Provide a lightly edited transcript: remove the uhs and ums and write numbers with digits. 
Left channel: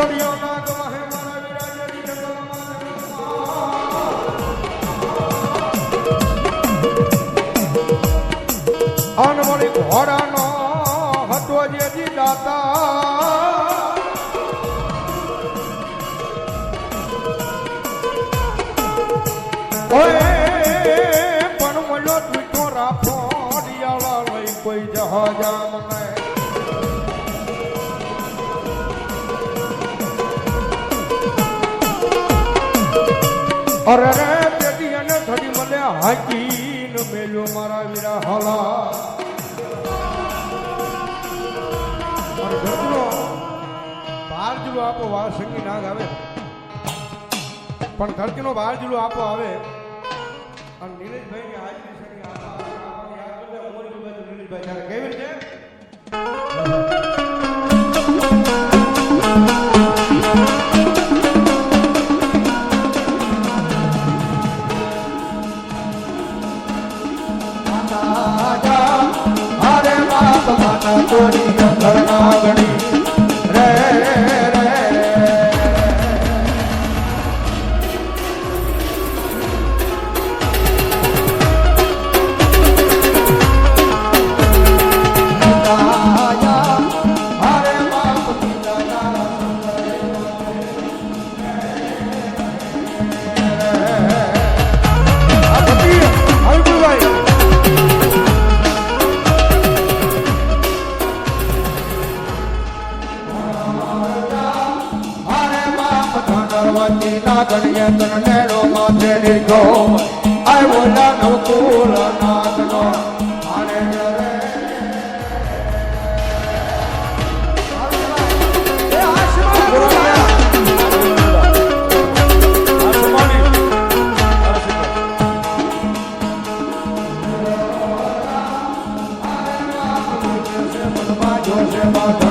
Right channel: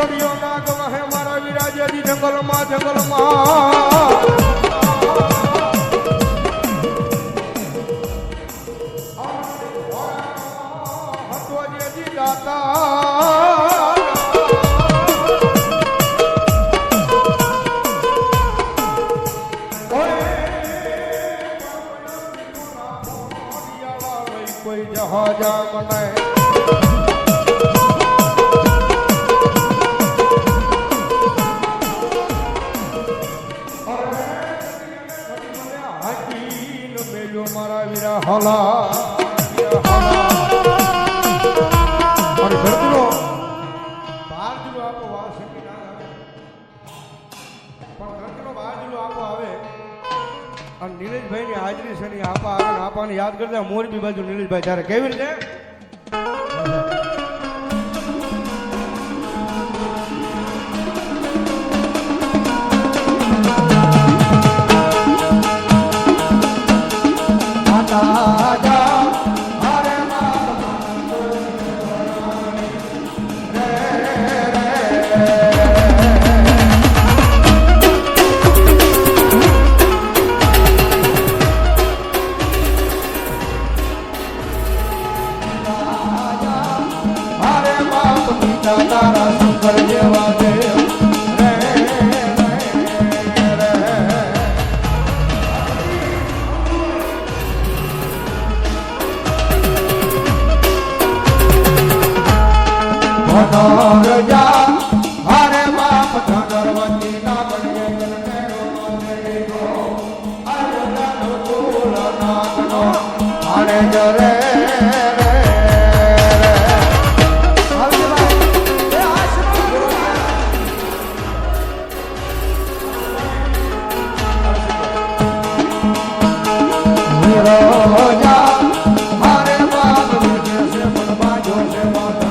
સળિયો નાગ વહે મારા વિરાજજી જંગલમાં અનમણી ઘોડાનો હતો જેજી દાતા પણ મળ્યો તું રાખો ડિયાળા લઈ કોઈ જહાજા મને અરે રે પેટી અને ધડી મને હાકીને મેલ્યો મારા વીરા હલા અરે ધરતીનો બાર જુલો આપો વાર સંગી નાગ આવે પણ ધરતીનો બાર જુલો આપો આવે અને નીલેશભાઈ ની હાજરી છે ની આપા આવે ને આપાને યાદ કરતા મોરબી બાજુ નીલેશભાઈ ત્યારે કેવી રીતે Bye.